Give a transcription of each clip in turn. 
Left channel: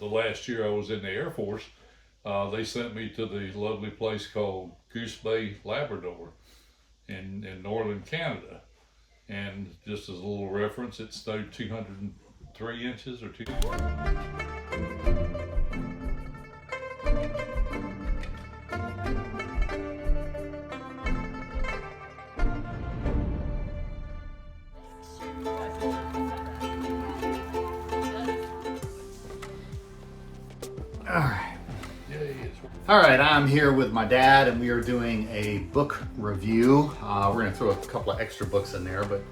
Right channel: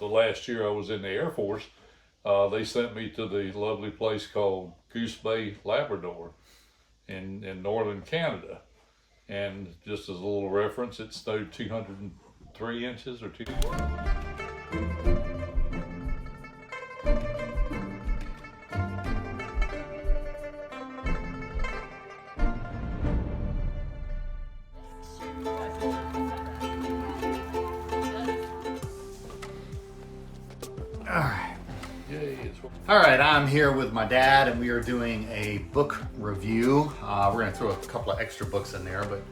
the last year I was in the Air Force, they sent me to the lovely place called Goosebay, Labrador in northern Canada. And just as a little reference, it snowed 203 inches or 2. All right, I'm here with my dad and we are doing a book review. We're gonna throw a couple of extra books in there, but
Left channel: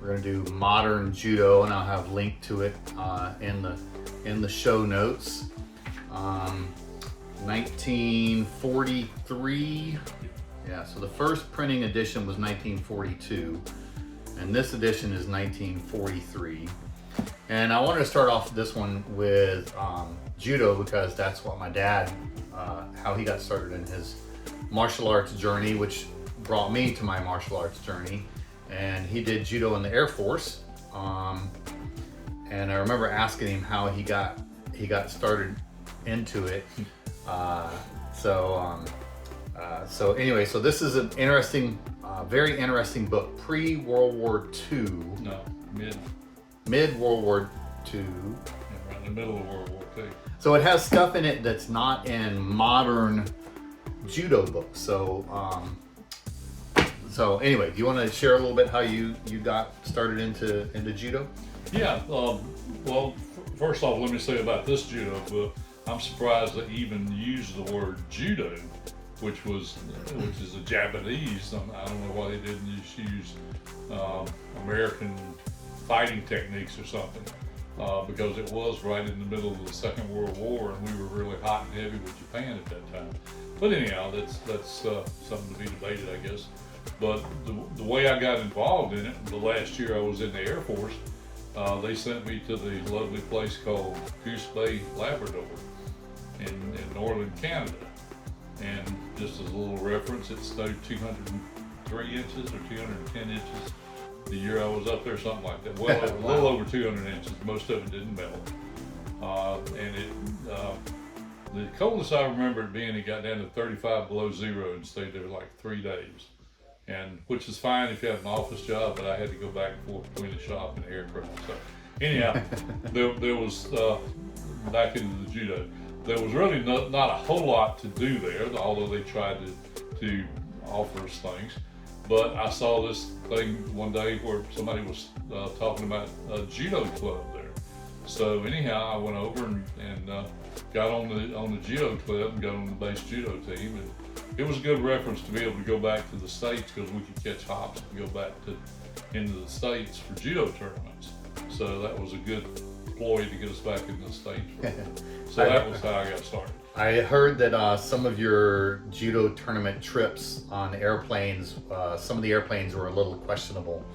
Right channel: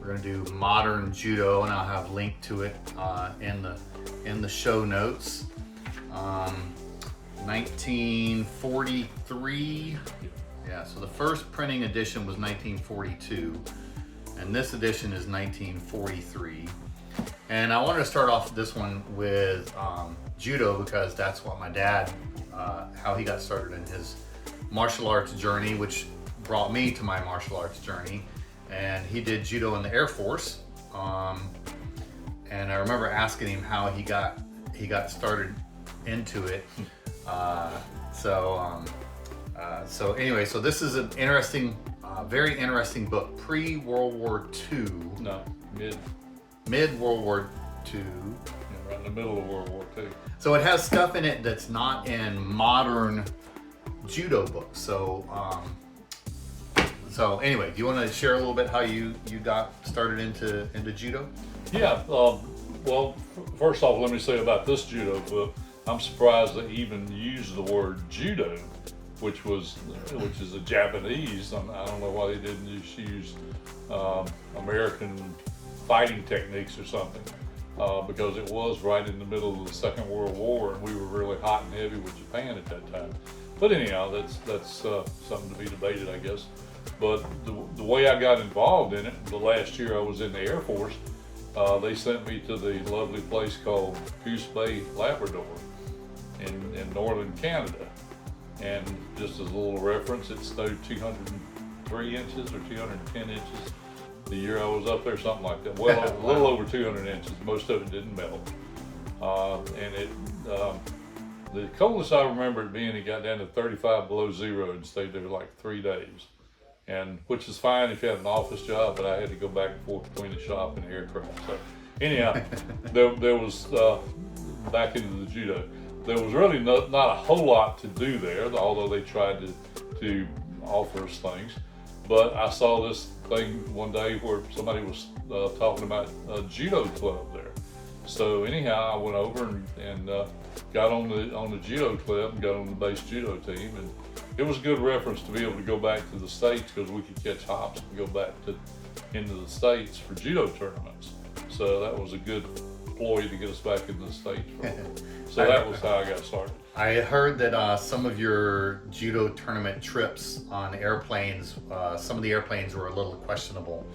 we're gonna do Modern Judo, and I'll have a link to it in the show notes. 1943, yeah, so the first printing edition was 1942, and this edition is 1943. And I wanted to start off this one with judo because that's what my dad, how he got started in his martial arts journey, which brought me to my martial arts journey. And he did judo in the Air Force. And I remember asking him how he got started into it. So anyway, so this is an interesting, very interesting book. Pre-World War II. No, Mid-World War II. Right in the middle of World War II. So it has stuff in it that's not in modern judo books. So anyway, do you want to share a little bit how you got started into judo? Yeah. Well, first off, let me say about this judo book, I'm surprised they even used the word judo, which is a Japanese. I don't know why they didn't use American fighting techniques or something, because it was right in the middle of the Second World War, and we were really hot and heavy with Japan at that time. But anyhow, that's something to be debated, I guess. But the way I got involved in it, the last year I was in the Air Force, they sent me to the lovely place called Goosebay, Labrador in northern Canada. And just as a little reference, it snowed 203 inches or 210 inches the year I was up there, something like that. Well, a little over 200 inches. Most of it didn't melt. And the coldest I remember it being, it got down to 35 below zero and stayed there like 3 days. And which is fine if you have an office job, but I had to go back and forth between the shop and the aircraft. So anyhow, there was, back into the judo, there was really not a whole lot to do there, although they tried to offer us things. But I saw this thing one day where somebody was talking about a judo club there. So anyhow, I went over and got on the judo club and got on the base judo team, and it was a good reference to be able to go back to the States because we could catch hops and go back into the States for judo tournaments. So that was a good ploy to get us back into the States. So that was how I got started. I heard that some of your judo tournament trips on airplanes, some of the airplanes were a little questionable.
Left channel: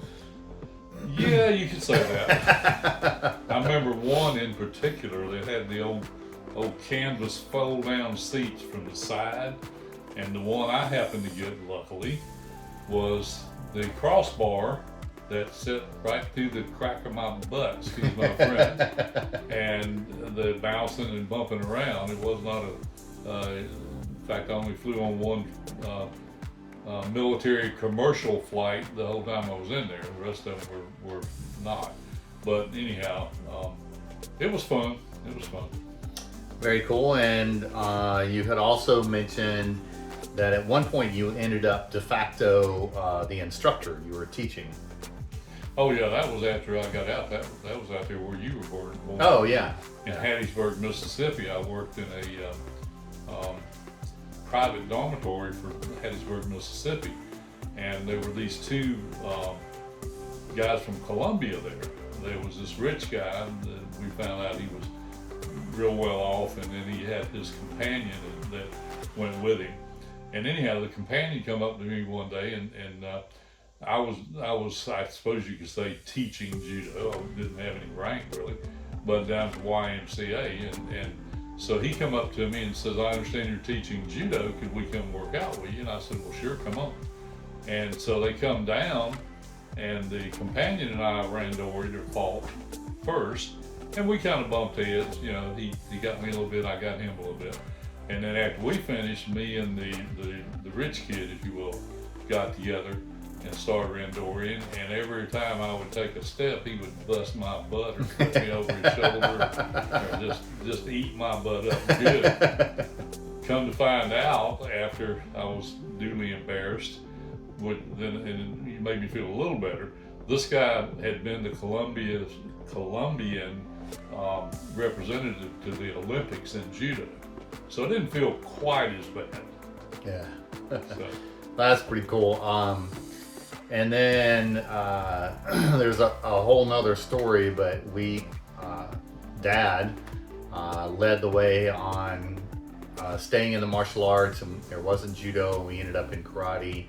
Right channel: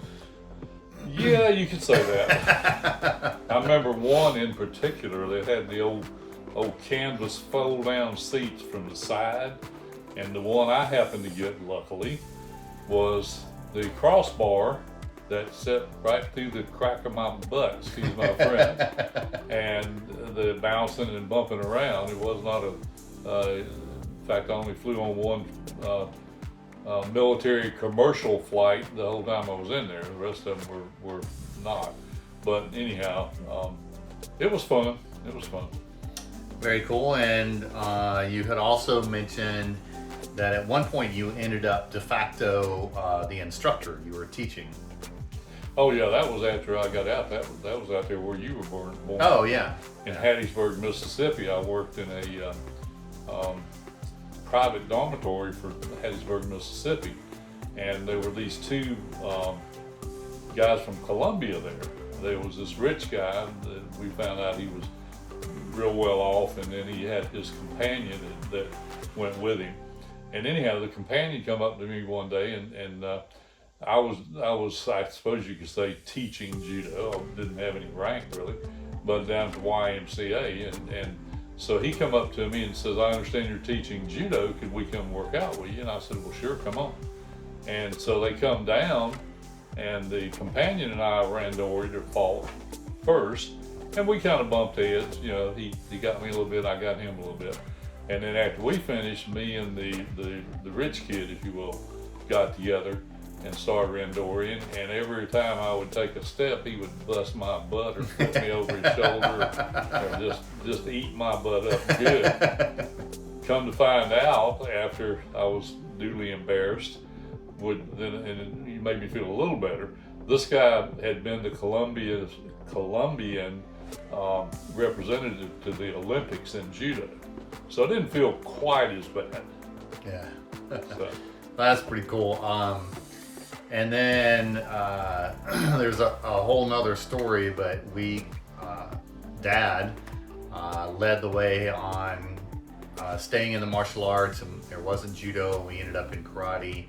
Yeah, you could say that. I remember one in particular that had the old canvas fold-down seats from the side, and the one I happened to get, luckily, was the crossbar that set right through the crack of my butt, excuse my friend, and the bouncing and bumping around. It was not in fact, I only flew on one military commercial flight the whole time I was in there. The rest of them were not. But anyhow, it was fun. It was fun. Very cool. And you had also mentioned that at one point you ended up de facto the instructor. You were teaching. Oh yeah, that was after I got out. That was out there where you were born. Oh yeah. In Hattiesburg, Mississippi. I worked in a private dormitory for Hattiesburg, Mississippi, and there were these two guys from Columbia there. There was this rich guy that we found out he was real well off, and then he had this companion that went with him. And anyhow, the companion come up to me one day, and I was, I suppose you could say, teaching judo. I didn't have any rank really, but down to YMCA, and so he come up to me and says, "I understand you're teaching judo. Could we come work out with you?" And I said, "Well, sure, come on." And so they come down, and the companion and I ran to Warrior fought first, and we kind of bumped heads. You know, he got me a little bit, I got him a little bit. And then after we finished, me and the rich kid, if you will, got together and started randoriing. And every time I would take a step, he would bust my butt or put me over his shoulder, or just eat my butt up good. Come to find out, after I was duly embarrassed, and you made me feel a little better. This guy had been the Colombian representative to the Olympics in judo, so it didn't feel quite as bad. Yeah, So, that's pretty cool. And then there's a whole nother story, but Dad led the way on staying in the martial arts, and there wasn't judo. We ended up in karate,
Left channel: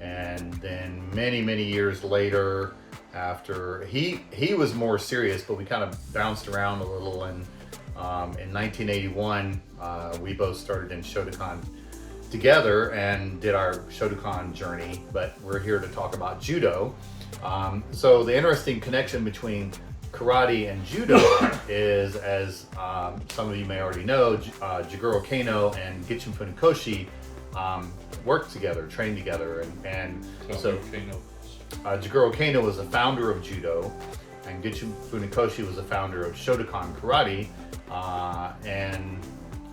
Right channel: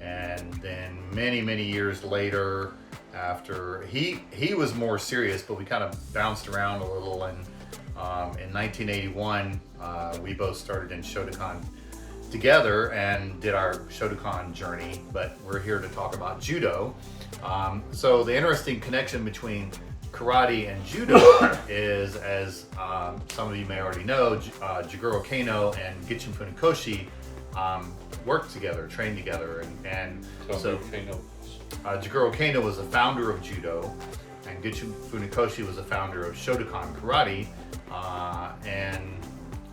and then many years later, after he was more serious, but we kind of bounced around a little, and in 1981 we both started in Shotokan together and did our Shotokan journey, but we're here to talk about judo. So the interesting connection between karate and judo is, as some of you may already know, Jigoro Kano and Gichin Funakoshi worked together, trained together, and so Jigoro Kano was the founder of judo, and Gichin Funakoshi was the founder of Shotokan karate, and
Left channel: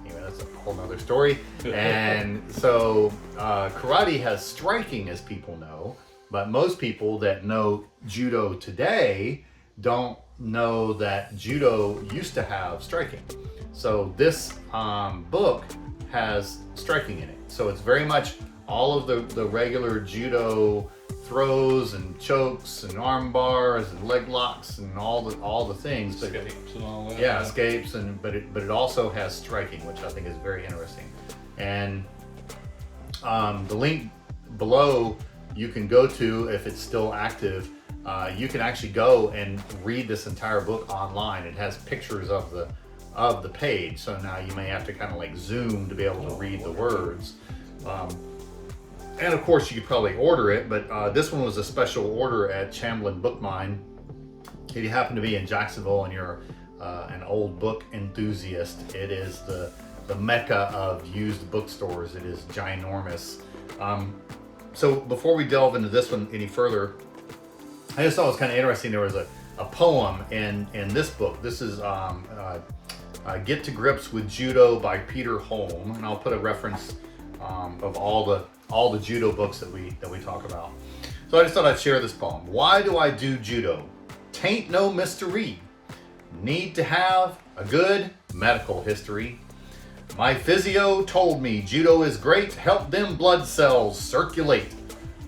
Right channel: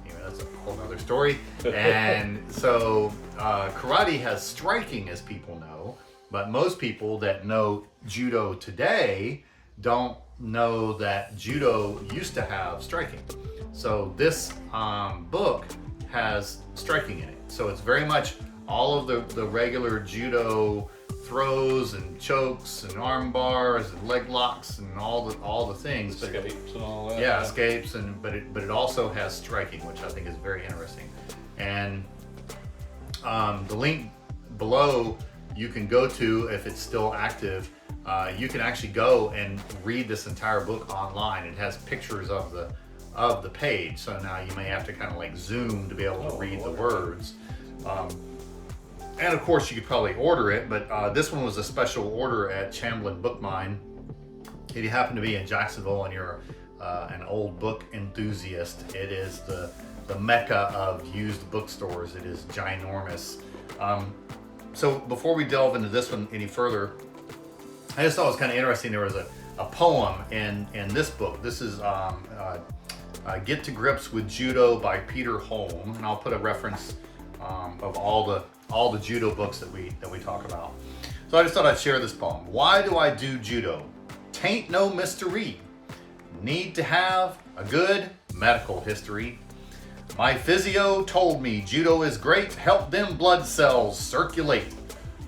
anyway, that's a whole nother story. And so karate has striking, as people know, but most people that know judo today don't know that judo used to have striking. So this book has striking in it. So it's very much all of the regular judo throws and chokes and arm bars and leg locks and all the things, but escapes and all that. yeah, escapes, but it also has striking, which I think is very interesting. And the link below you can go to, if it's still active, you can actually go and read this entire book online. It has pictures of the page, so now you may have to kind of like zoom to be able to read the words. And of course, you could probably order it, but this one was a special order at Chamblin Book Mine. If you happen to be in Jacksonville and you're an old book enthusiast, it is the mecca of used bookstores. It is ginormous. So before we delve into this one any further, I just thought it was kind of interesting. There was a poem in this book. This is Get to Grips with Judo by Peter Holm, and I'll put a reference of all the judo books that we talk about. So I just thought I'd share this poem. Why do I do judo? Tain't no mystery. Need to have a good medical history. My physio told me judo is great, help them blood cells circulate.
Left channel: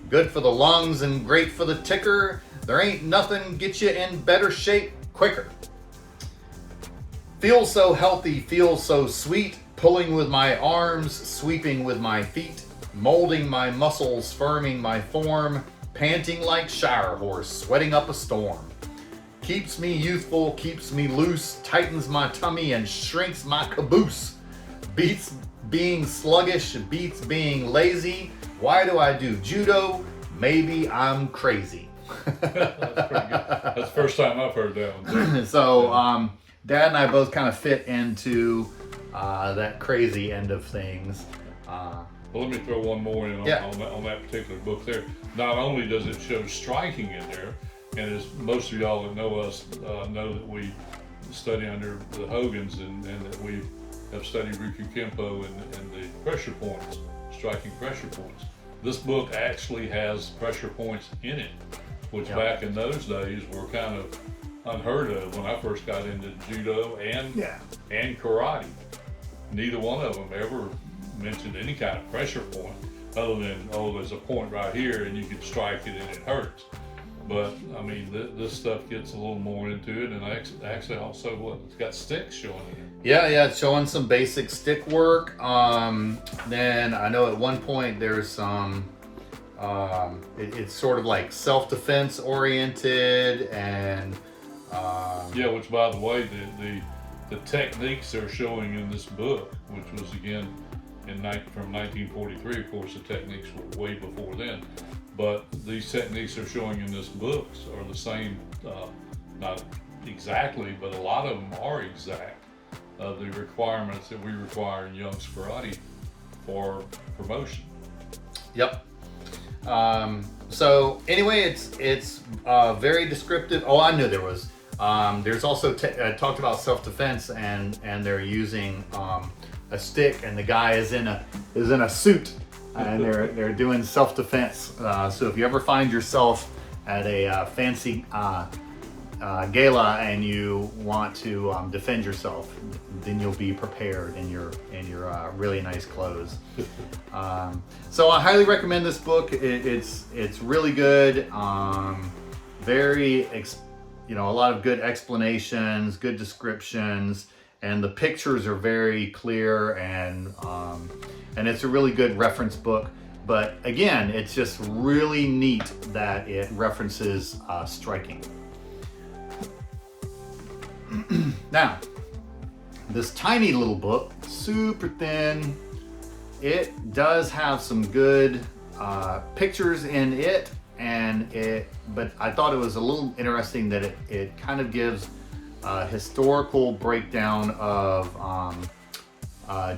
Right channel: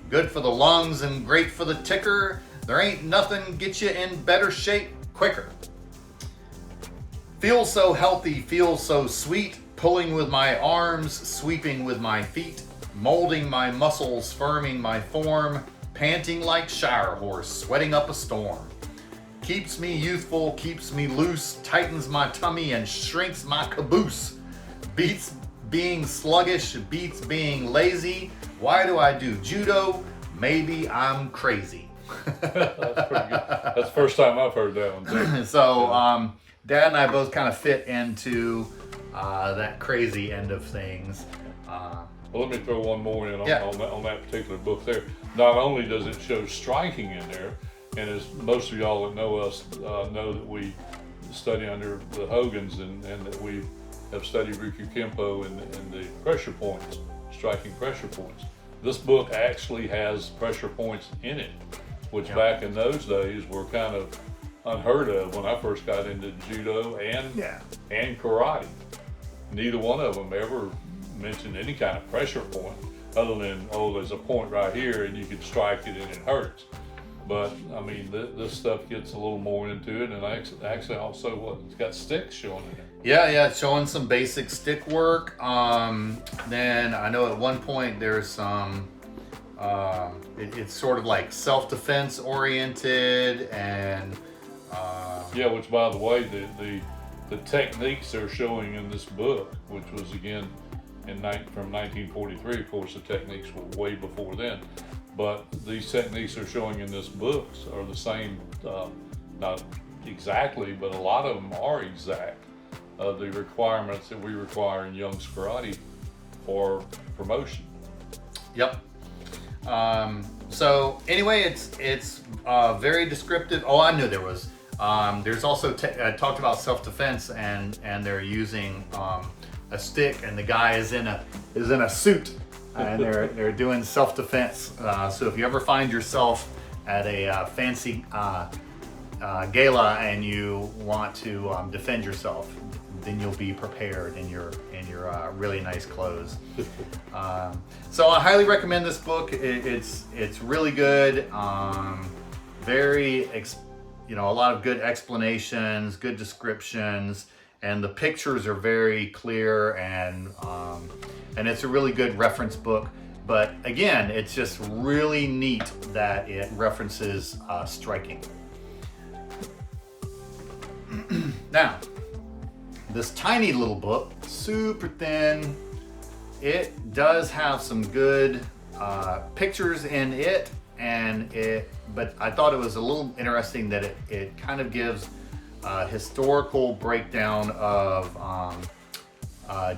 Good for the lungs and great for the ticker. There ain't nothing get you in better shape quicker. Feel so healthy, feel so sweet, pulling with my arms, sweeping with my feet, molding my muscles, firming my form, panting like Shire horse, sweating up a storm. Keeps me youthful, keeps me loose, tightens my tummy and shrinks my caboose. Beats being sluggish, beats being lazy. Why do I do judo? Maybe I'm crazy. That's pretty good. That's the first time I've heard that one. So Dad and I both kind of fit into that crazy end of things. Well, let me throw one more in on that particular book there. Not only does it show striking in there, and as most of y'all that know us know that we study under the Hogans and that we have studied Rikyu Kempo and the pressure points, striking pressure points. This book actually has pressure points in it, which back in those days were kind of unheard of when I first got into judo and karate. Neither one of them ever mentioned any kind of pressure point other than, oh, there's a point right here and you can strike it and it hurts. But I mean, this stuff gets a little more into it, and actually also it's got sticks showing in it. Yeah, it's showing some basic stick work. Then I know at one point there's some, it's sort of like self-defense oriented, and which by the way, the techniques they're showing in this book, which was again from 1943, of course the techniques were way before then, but these techniques they're showing in this book are the same, not exactly, but a lot of them are exact. The requirements that we require in Young's Karate for promotion. Yep. So anyway, it's very descriptive. Oh, I knew there was. There's also talked about self-defense, and they're using a stick, and the guy is in a suit, and they're doing self-defense. So if you ever find yourself at a fancy gala and you want to defend yourself, then you'll be prepared in your really nice clothes. So I highly recommend this book. It's really good. A lot of good explanations, good descriptions, and the pictures are very clear, and it's a really good reference book. But again, it's just really neat that it references striking. Now, this tiny little book, super thin, it does have some good pictures in it, but I thought it was a little interesting that it kind of gives a historical breakdown of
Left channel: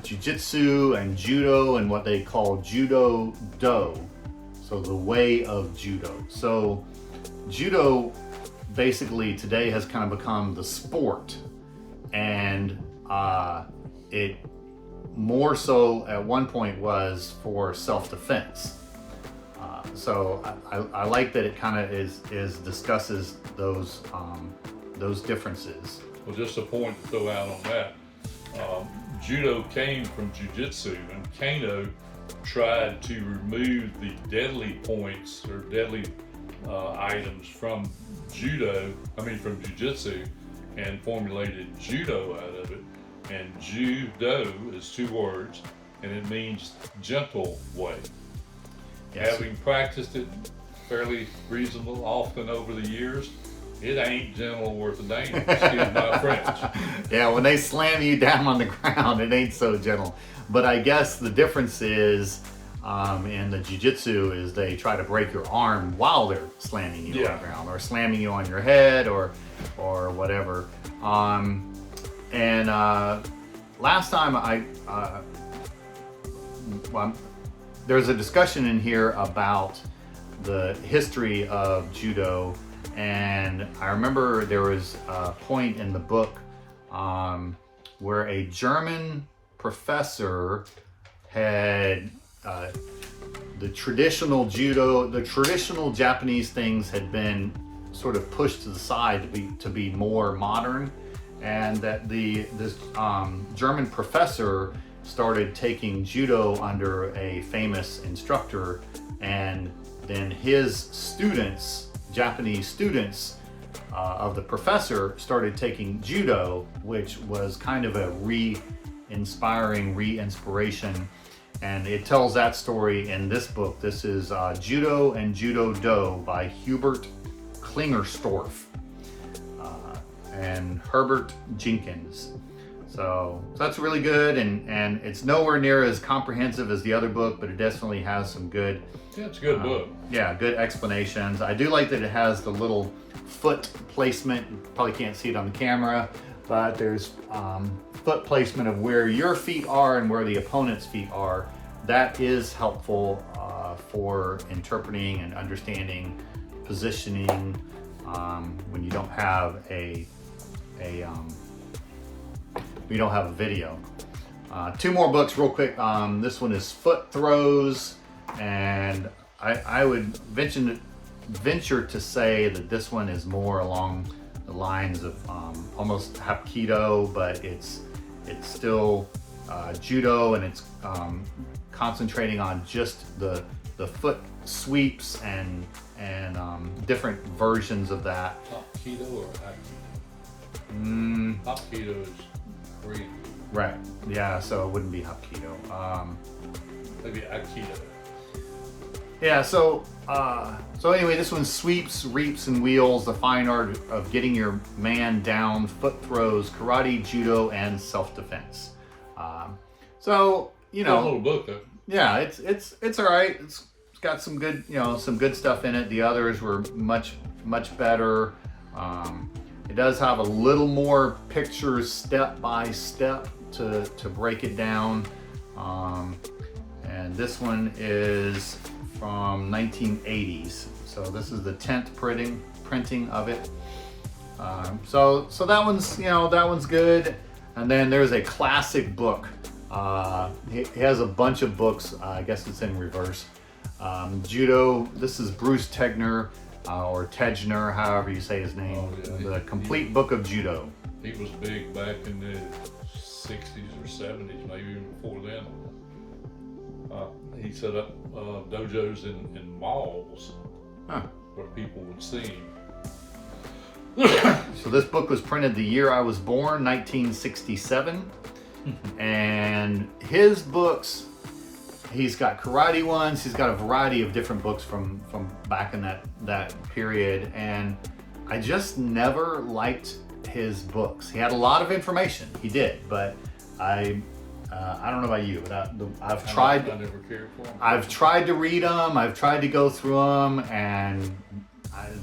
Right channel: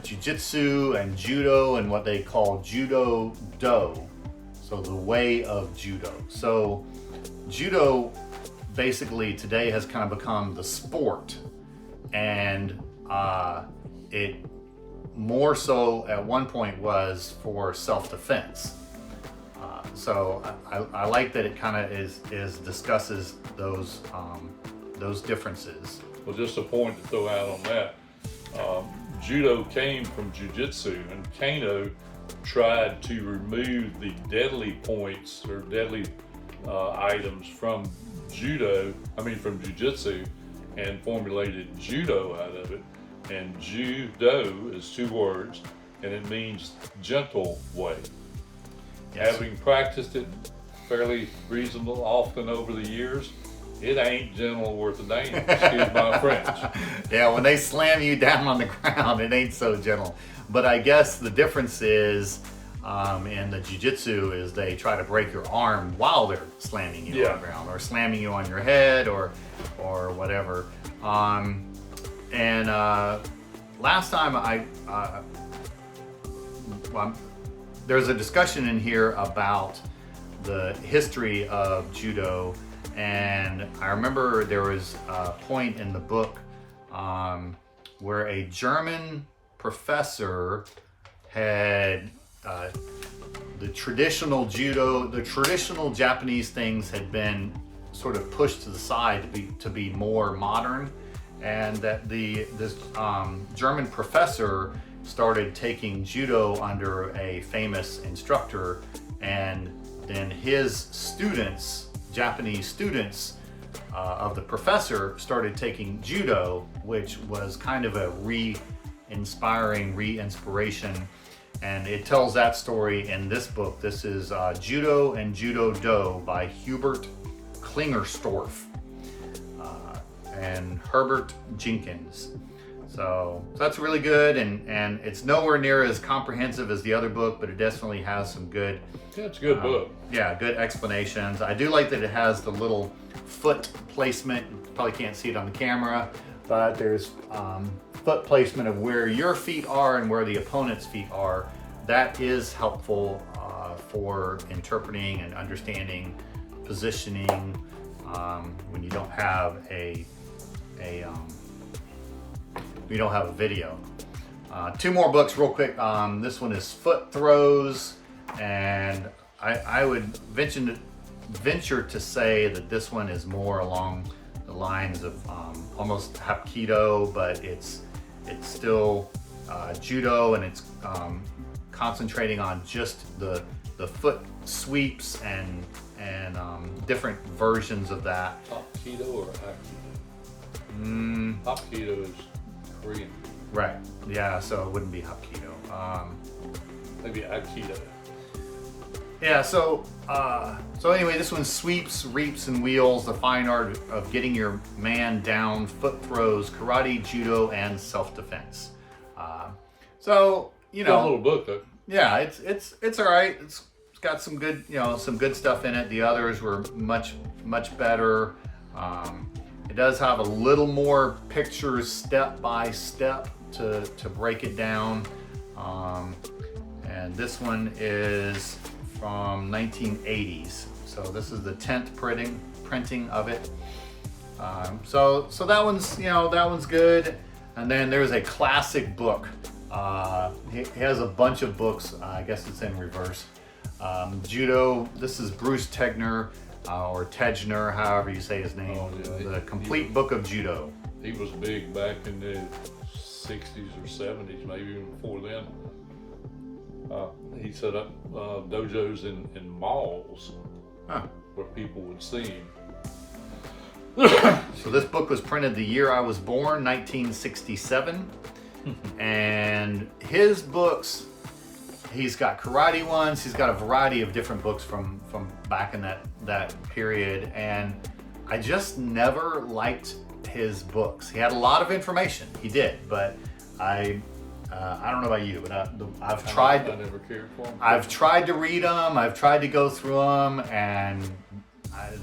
jiu-jitsu and judo and what they call Judo-do, so the way of judo. So judo basically today has kind of become the sport, and it more so at one point was for self-defense. So I like that it kind of is discusses those differences. Well, just a point to throw out on that. Judo came from jiu-jitsu, and Kano tried to remove the deadly points or deadly items from from jiu-jitsu, and formulated judo out of it. And judo is 2 words, and it means gentle way. Yes. Having practiced it fairly reasonable often over the years, it ain't gentle worth a damn, excuse my French. Yeah, when they slam you down on the ground, it ain't so gentle. But I guess the difference is in the jiu-jitsu is they try to break your arm while they're slamming you on the ground, or slamming you on your head, or whatever. Last time there's a discussion in here about the history of judo, and I remember there was a point in the book where a German professor had the traditional judo, the traditional Japanese things had been sort of pushed to the side to be more modern, and that this German professor started taking judo under a famous instructor, and then his students, Japanese students of the professor, started taking judo, which was kind of a re-inspiration. And it tells that story in this book. This is Judo and Judo-do by Hubert Klinger-Storff and Herbert Jenkins. So that's really good, and it's nowhere near as comprehensive as the other book, but it definitely has some good. Yeah, it's a good book. Yeah, good explanations. I do like that it has the little foot placement. You probably can't see it on the camera, but there's foot placement of where your feet are and where the opponent's feet are. That is helpful for interpreting and understanding positioning when you don't have a video. 2 more books real quick. This one is Foot Throws, and I would venture to say that this one is more along the lines of almost Hapkido, but it's still judo, and it's concentrating on just the foot sweeps and different versions of that. Hapkido or Hapkido? Hapkido is Korean. Right. Yeah. So it wouldn't be Hapkido. Maybe Aikido. Yeah. So anyway, this one, Sweeps, Reaps, and Wheels: The Fine Art of Getting Your Man Down, Foot Throws, Karate, Judo, and Self-Defense. So you know, a little book though. Yeah, it's all right. It's got some good, some good stuff in it. The others were much better. It does have a little more pictures step by step to break it down. And this one is from 1980s. So this is the 10th printing of it. So that one's, that one's good. And then there's a classic book. He has a bunch of books. I guess it's in reverse. Judo. This is Bruce Tegner, or Tegner, however you say his name. The Complete Book of Judo. He was big back in the 60s or 70s, maybe even before then. He set up dojos in malls where people would see him. So this book was printed the year I was born, 1967. And his books, he's got karate ones, he's got a variety of different books from back in that period, and I just never liked his books. He had a lot of information, he did, but I don't know about you, but I've tried. I never cared for them. I've tried to read them, I've tried to go through them, and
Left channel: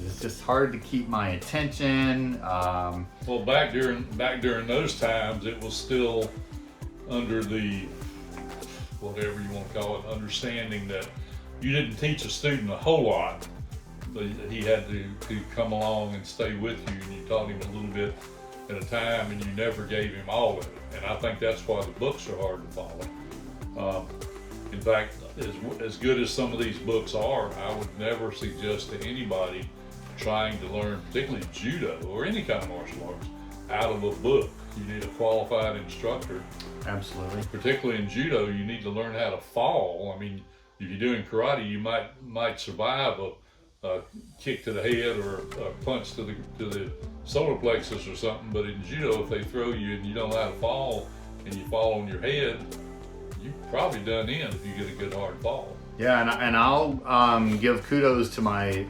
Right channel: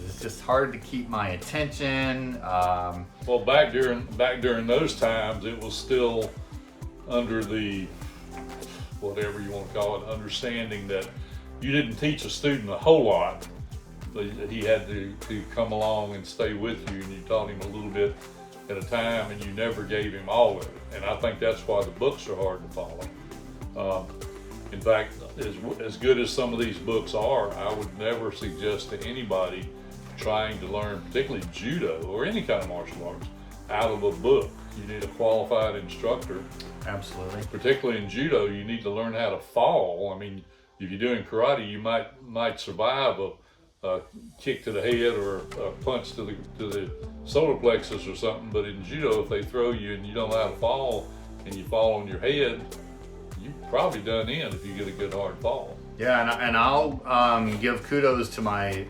it's just hard to keep my attention. Well, back during those times, it was still under the, whatever you want to call it, understanding that you didn't teach a student a whole lot. He had to come along and stay with you, and you taught him a little bit at a time, and you never gave him all of it. And I think that's why the books are hard to follow. In fact, as good as some of these books are, I would never suggest to anybody trying to learn, particularly judo or any kind of martial arts, out of a book. You need a qualified instructor. Absolutely. Particularly in judo, you need to learn how to fall. I mean, if you're doing karate, you might survive a kick to the head or a punch to the solar plexus or something. But in judo, if they throw you and you don't know how to fall and you fall on your head, you're probably done in if you get a good hard fall. Yeah, and I'll give kudos to my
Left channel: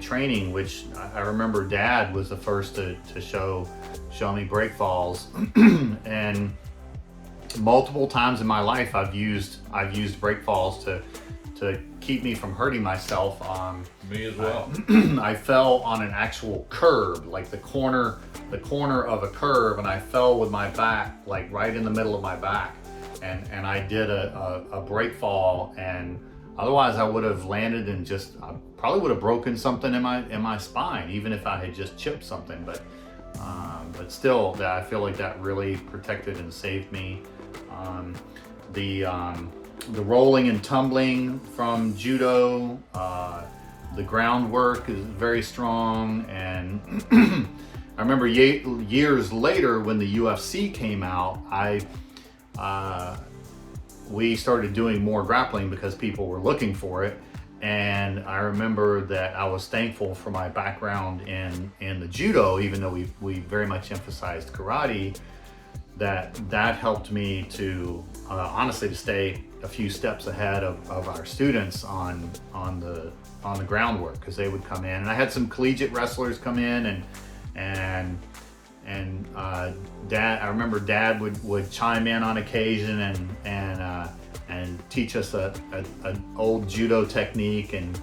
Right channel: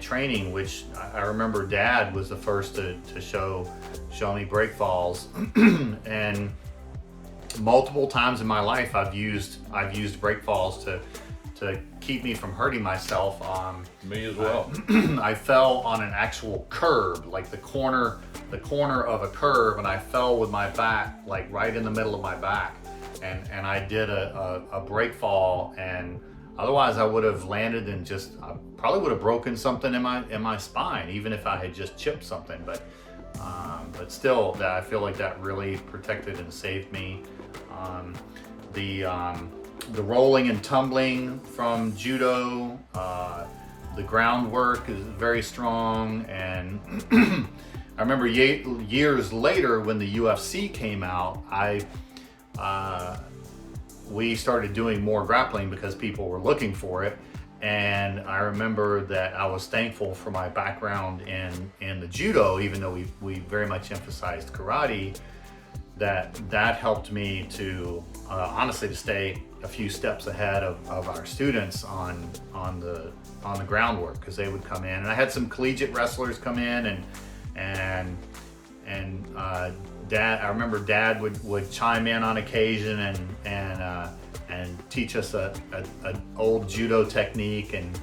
training, which I remember Dad was the first to show me break falls, and multiple times in my life I've used break falls to keep me from hurting myself. Me as well. I fell on an actual curb, like the corner of a curb, and I fell with my back like right in the middle of my back, and I did a break fall, and otherwise I would have landed and I probably would have broken something in my spine, even if I had just chipped something. But still, I feel like that really protected and saved me. The rolling and tumbling from judo, the groundwork is very strong, and I remember years later when the UFC came out, we started doing more grappling because people were looking for it. And I remember that I was thankful for my background in the judo, even though we very much emphasized karate, that helped me to honestly to stay a few steps ahead of our students on the groundwork, because they would come in, and I had some collegiate wrestlers come in, and Dad, I remember Dad would chime in on occasion and teach us an old judo technique, and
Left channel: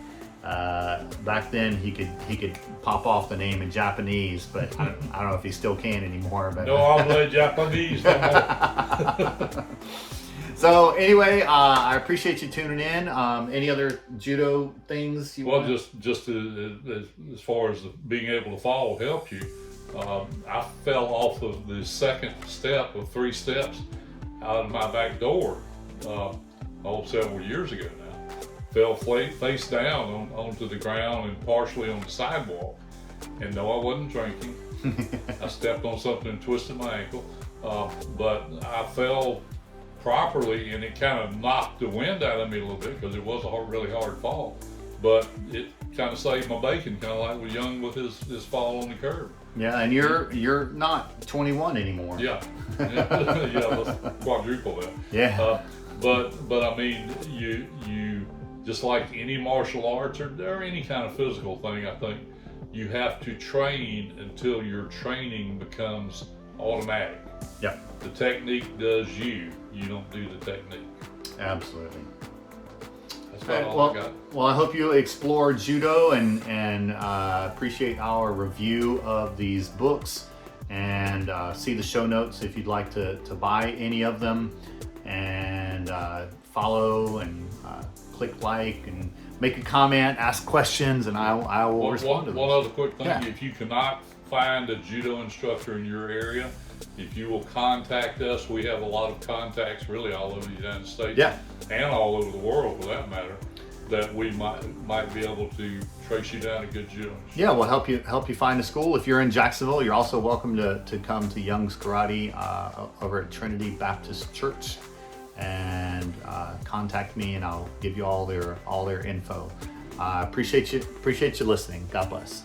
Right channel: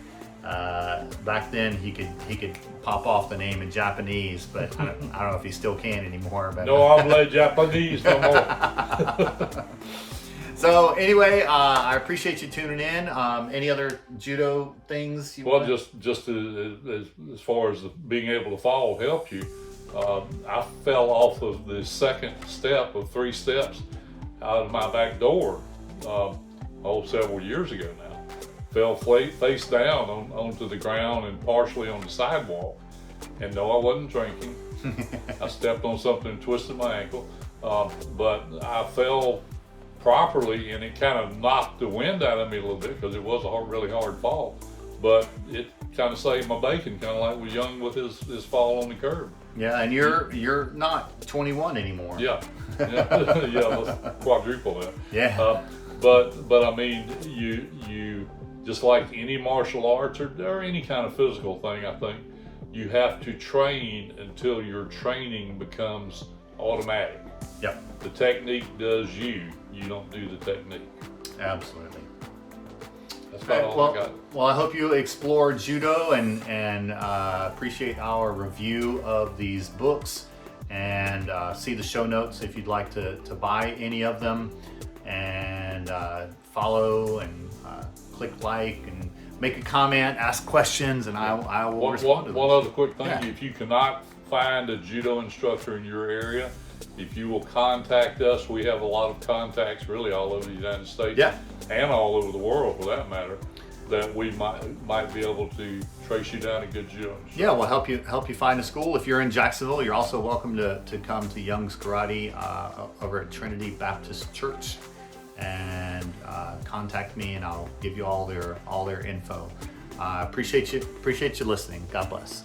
back then he could pop off the name in Japanese, but I don't know if he still can anymore. But no, I play Japanese no more. So anyway, I appreciate you tuning in. Any other judo things you want? Just as far as being able to fall helped you, I fell off of the second step of 3 steps out of my back door several years ago now. Fell face down onto the ground and partially on the sidewalk. And no, I wasn't drinking. I stepped on something and twisted my ankle. But I fell properly, and it kind of knocked the wind out of me a little bit because it was a really hard fall. But it kind of saved my bacon, kind of like with Young with his fall on the curb. Yeah, and you're not 21 anymore. Yeah, let's quadruple that. Yeah. But I mean, you just like any martial arts or any kind of physical thing, I think you have to train until your training becomes automatic. Yeah. The technique does you. You don't do the technique. Absolutely. That's about all I Well, got. well, I hope you explore judo and appreciate our review of these books, and see the show notes if you'd like to buy any of them, and follow and click like and make a comment, ask questions, and I will respond to One those. other quick thing, Yeah. if you cannot find a judo instructor in your area, if you will contact us, we have a lot of contacts really all over the United States, Yeah. and all over the world for that matter, that we might be able to trace you down a good judo instructor. Yeah, we'll help you find a school. If you're in Jacksonville, you're also welcome to come to Young's Karate over at Trinity Baptist Church, and contact me, and I'll give you all their info. Appreciate you listening. God bless.